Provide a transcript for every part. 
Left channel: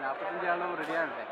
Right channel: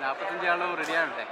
45 ആളും റെഡിയാണല്ലേ?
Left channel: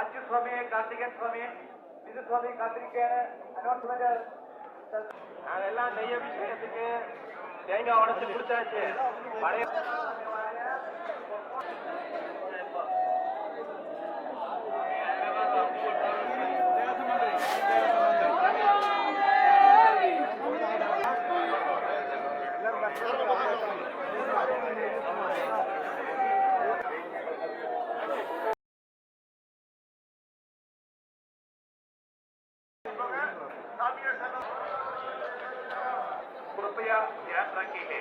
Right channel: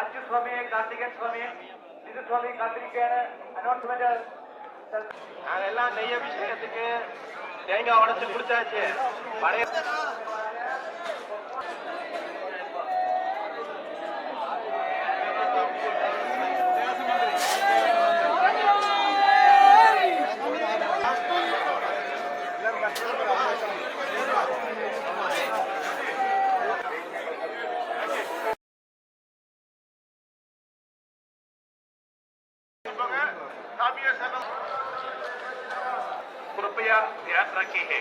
അച്യുസ്വാമി, കാർത്തികൻ സ്വാമി, ജിതുസ്വാമി കാത്തിരിക്കുകയാണ്. അനൗൺസ്മെന്റ് நாங்கெல்லாம் நெய் அபிஷேகத்துக்கு தேங்காய் உடச்சு கொடுத்தாச்சு. பழைய कृपया ध्यान रखिए,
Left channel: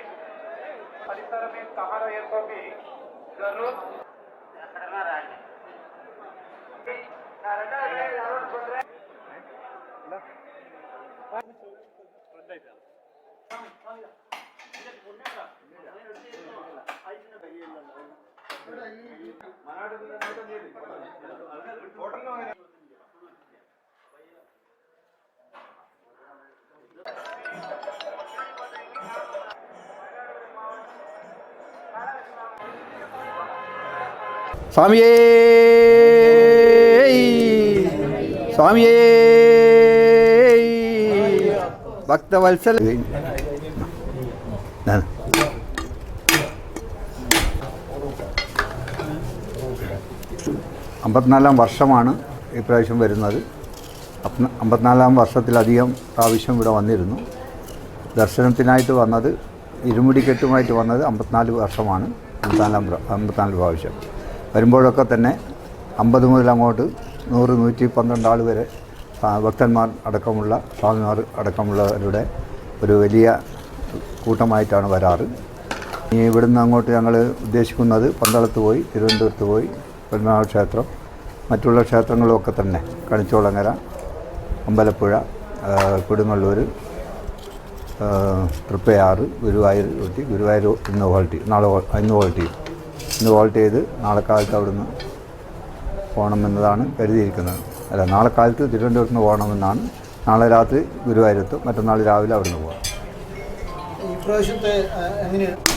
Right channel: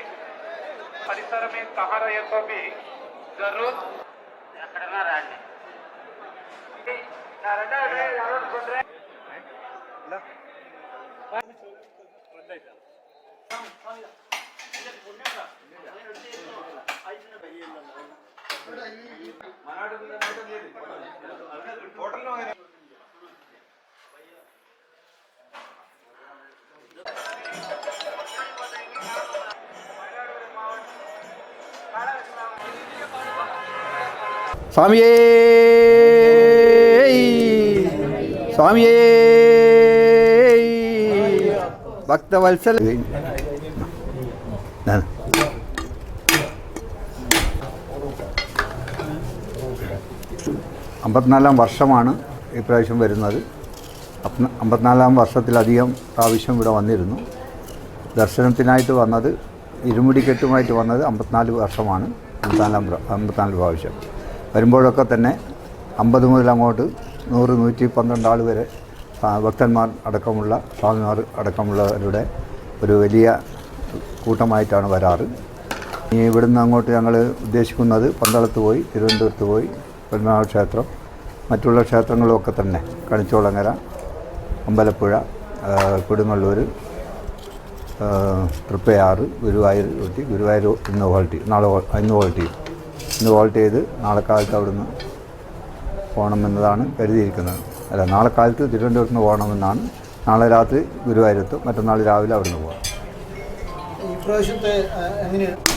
परिसर में कहा रहे तो भी जरूर സ്വാമിയേ സ്വാമിയേ ഭക്തവത്സല 54-ാം വർഷമാണ് ഇപ്രാവശ്യം വരുന്നത്. 54-ാം വർഷത്തിലധികം പ്രാവശ്യം ഇവിടെ വന്നിരുന്നു. ദർശനത്തിനായിട്ട് വന്നത്, ഇരുമുടിക്കെട്ടുമായിട്ട് വന്നത് 54 വർഷമാണ്. 54 പ്രാവശ്യം വരുമ്പോഴൊക്കെ തന്നെ 50 മുതൽ അങ്ങോട്ട് 100, 112 ആൾ വരെ ഭക്തന്മാർ അടക്കമുള്ള, സ്വാമിമാർ അടക്കമുള്ളവരുടെ ഒരു വലിയ കൂട്ടമായിട്ടാണ് വരാറ്. ഇനി ഇവിടുന്ന് അങ്ങോട്ട് ഞങ്ങൾ ഉദ്ദേശിക്കുന്നത് പന്തളത്ത് പോയി, തിരുവനന്തപുരത്ത് പോയി, പത്മനാഭ ക്ഷേത്രം, മറ്റുള്ള ക്ഷേത്രങ്ങളുമൊക്കെ തന്നെ, കണിച്ചോളങ്ങര, അമ്പലപ്പുഴ, കൊടുങ്ങല്ലൂർ, തൃപ്പയാറ്, ഗുരുവായൂർ ഊട്ടി, ഗുരുവായൂർ ഇന്ന് ഹോൾട്ട് ചെയ്യും. ഇന്ന് ഹോൾട്ട് ചെയ്ത് നാളെ കാലത്ത് അവിടുന്ന് പോകണമെന്നതാണ് കരുതിയിരിക്കുന്നത്. അല്ല, നാളെ കാലത്ത് തിരുവനന്തപുരത്ത് നിന്ന് പോകണമെന്നാണ്. നാളെ രാത്രി ഗുരുവായൂരെത്തും, മറ്റന്നാൾ രാവിലെ അവിടുന്ന് പോകാം. ഇപ്രാവശ്യത്തെ എങ്ങനെയാണ്?